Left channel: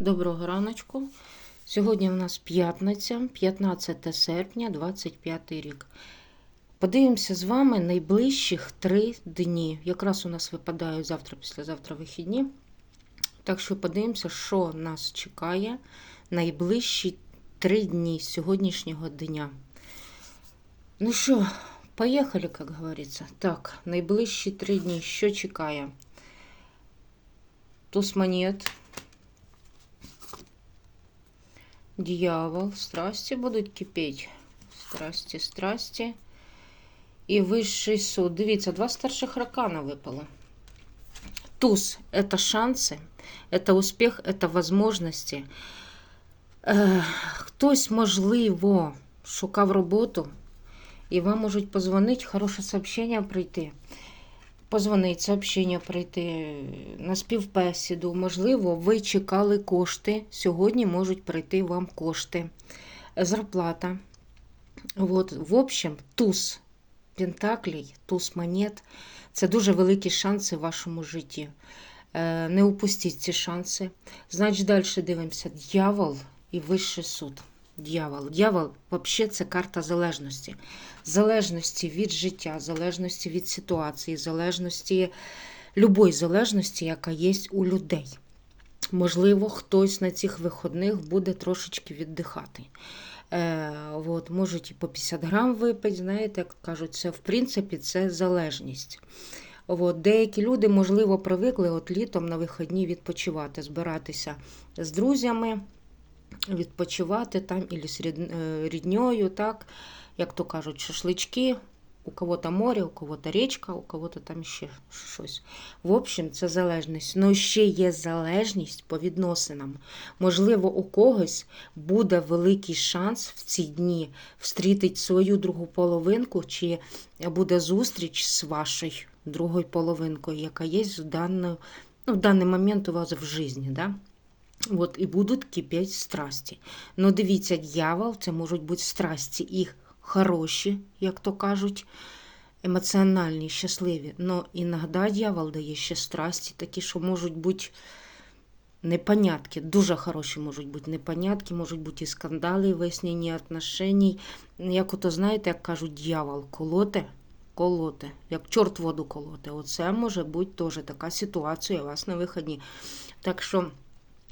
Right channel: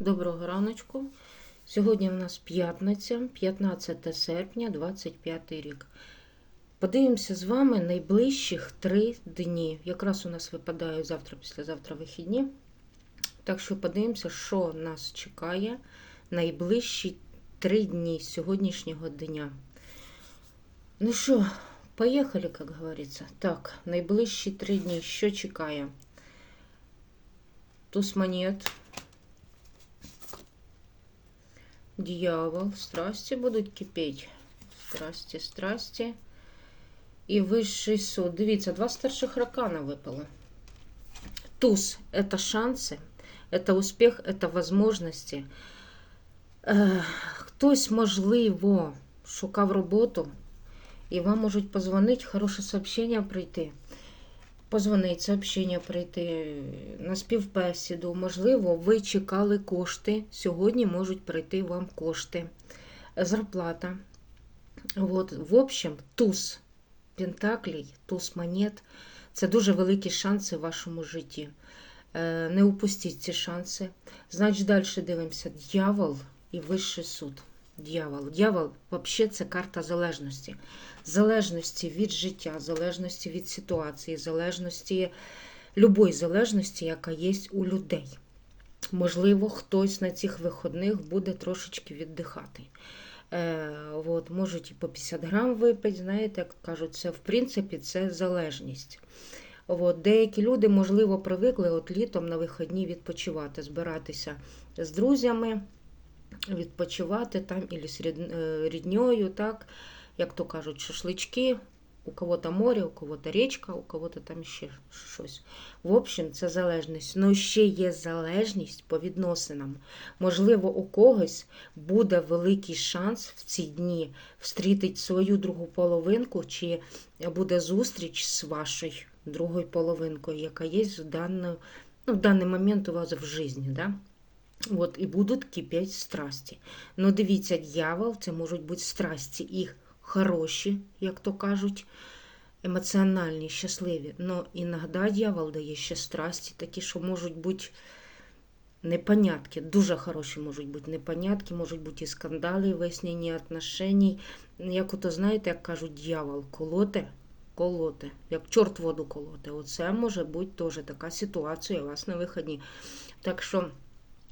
Доброго раночку. Сьогодні в нас п'ятниця, 15 серпня, 25 рік. Подивимося з вами найближчих три дні. Якраз у нас випадають завтра, післязавтра вихідні. Так що подивимося, що нас чекає найближчі три дні сьогоднішнього дня. Ну що, поїхали, як говориться. Так, найближчі три дні. Що чекає? Туз монет. Дьявол, страсти будуть кипіти. Страсті, страсті. І вищий суд. Дивіться, два старших ракана випало. Туз – это шанси, это успіх, это возможності. Е, хтось, можливо, шукав роботу, і вам можуть позвонити, хороше сообщення прийти. Позвонить, сообщення прийти на співбесіду. Можливо, ви чекали кошти. Сьогодні можуть прийти вам кошти. Зарплата. Вот. В общем, туз пентаклей, туз монет це дуже великі шанси в вашому житті. Е, Не упустіть ці шанси. Значить, далі дивимося. Дьявол і вищий суд. Дьявол. Дьявол взагалі це карта залежності. Залежності від життя, залежності від ситуації, залежності, любої залежності, яка є у людей. Можливо, хтось на цих виходних буде трошечки віддихати. Е, от, можуть і по 50 грам випити, знаєте, як кажуть, це в принципі це залежність. От, деякі люди, можливо, привикли от літом на вихідні відпочивати, збиратися з друзями, відпочивати там ілі з е, рідньою, так, як то кажуть, шашлички. У кого-то море, у кого-то річка, у кого-то там ще щось. В общем, це залежність. Ну, ще є залежність по відносинам. Можливо, у когось буде великий шанс в ці дні встрітити свою другу половинку, чи буде зустріч з вашою другою половинкою, яка є в, даний, ну, в даний момент у вас в житті. Да? От, і будуть кипіти страсті. Ну, дивіться, дьявол, це можуть бути страсті і хороші, як то кажуть, емоціональні, щасливі. Но іноді дьявол дає ще страсті, такі, що можуть бути непонятки, дуже хороші можуть бути непонятки, можуть бути і скандали, і вияснення отношеній. Як ото, знаєте, як кажуть, дьявол, колоте, колоте, як чорт воду колоте. Оце може бути теж така ситуація у вас на виході. Так що,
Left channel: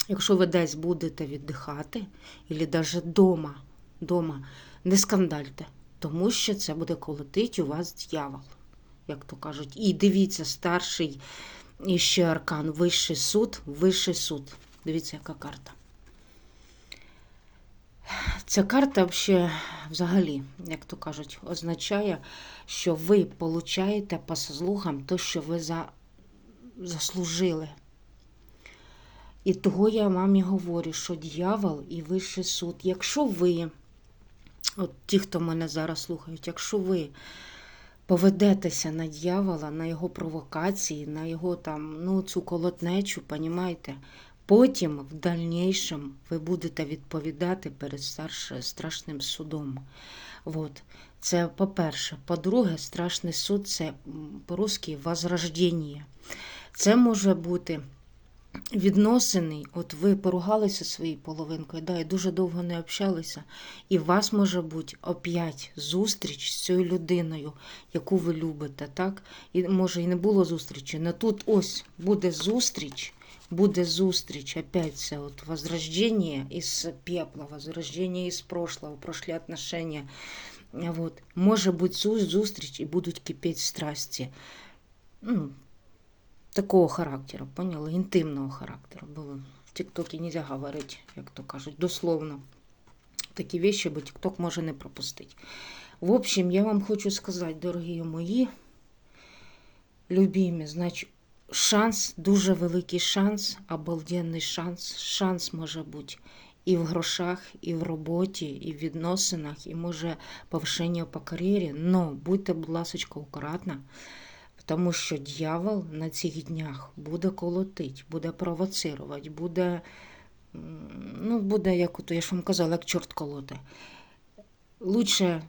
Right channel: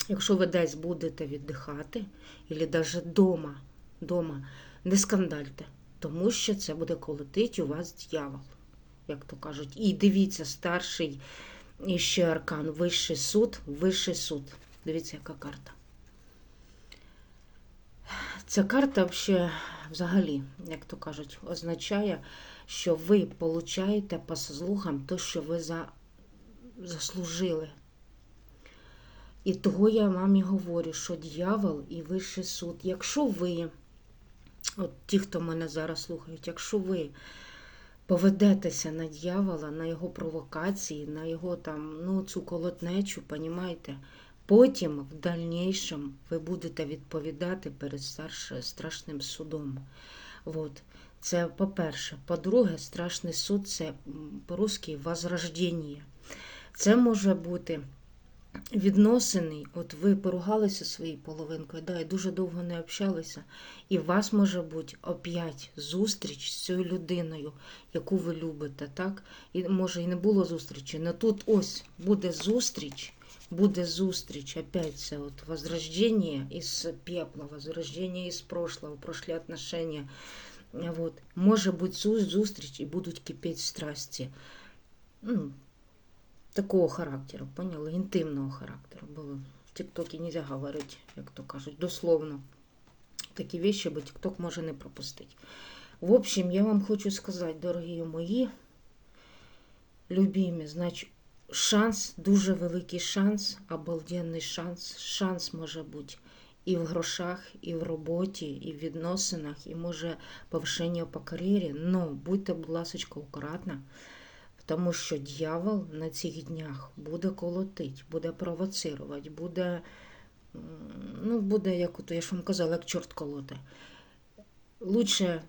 якщо ви десь будете віддихати, або навіть вдома, дома, не скандальте, тому що це буде колотить у вас дьявол, як то кажуть. І дивіться, старший і ще аркан, вищий суд, вищий суд. Дивіться, яка карта. Ця карта взагалі, як то кажуть, означає, що ви получаєте по заслугам те, що ви за... заслужили. І того я вам і говорю, що дьявол і вищий суд. Якщо ви, от ті, хто мене зараз слухають, якщо ви поведетеся на дьявола, на його провокації, на його там, ну, цю колотнечу, понімаєте? Потім, в дальнішому, ви будете відповідати перед страшним судом. От. Це по-перше. По-друге, страшний суд це по-русски возрождення. Це може бути відносини, от ви поругалися своєю половинкою, да, і дуже довго не общалися, і у вас може бути опять зустріч з цією людиною, яку ви любите, так? І може і не було зустрічі, але тут ось буде зустріч, буде зустріч, опять це от возрождение із пепла, возрождение із прошлого, прошлі отношения. Вот. Може бути зустріч і будуть кипіти страсті. Ну, такого характеру, поняли? Інтимного характеру. Бо в Тіктокі не можна говорити, як то кажуть, дословно. Такі вещи, бо Тікток може не пропустити. В общем, я вам хочу сказати, дорогі мої любимі, значить, шанс, дуже великий шанс, обалденний шанс. Шанс може бути і в грошах, і в роботі, і в відносинах, і може повишення по кар'єрі. Но будьте, будь ласка, акуратна. Тому що дьявол на цих днях буде колотить, буде провоцирувати, буде, ну, буде, як ото, я ж вам казала, як чорт колоти. Лучше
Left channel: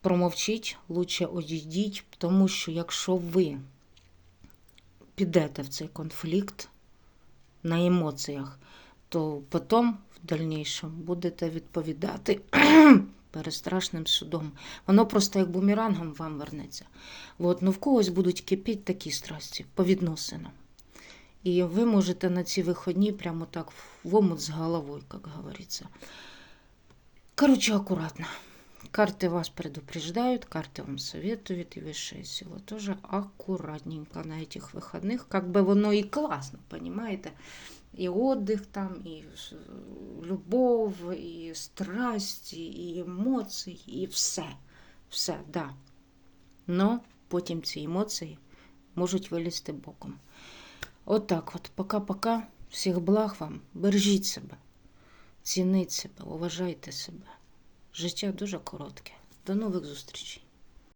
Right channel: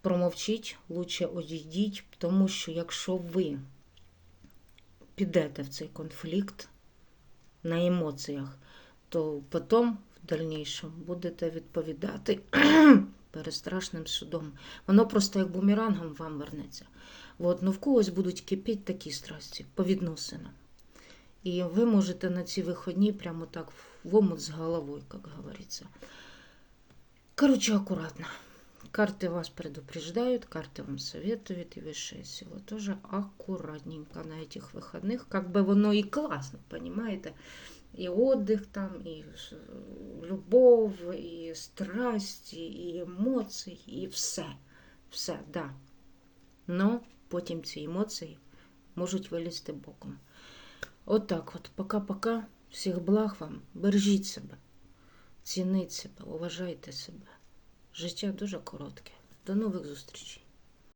промовчіть, лучше одійдіть, тому що якщо ви підете в цей конфлікт на емоціях, то потім в дальнейшем будете відповідати перед страшним судом. Воно просто як бумерангом вам вернеться. От, ну в когось будуть кипіти такі страсті по відносинам. І ви можете на ці виходні прямо так в омут з головою, як говориться. Короче, аккуратно. Карты вас предупреждают, карты вам советуют, и высшие силы тоже аккуратненько на этих выходных. Как бы воно и классно, понимаете? И отдых там, с- любов, і страсті, і емоції, і все. Все, да. Но потім ці емоції можуть вилізти боком. Отак от, пока-пока. Всіх благ вам. Бережіть себе, цініть себе, уважайте себе. Життя дуже коротке. До нових зустрічей.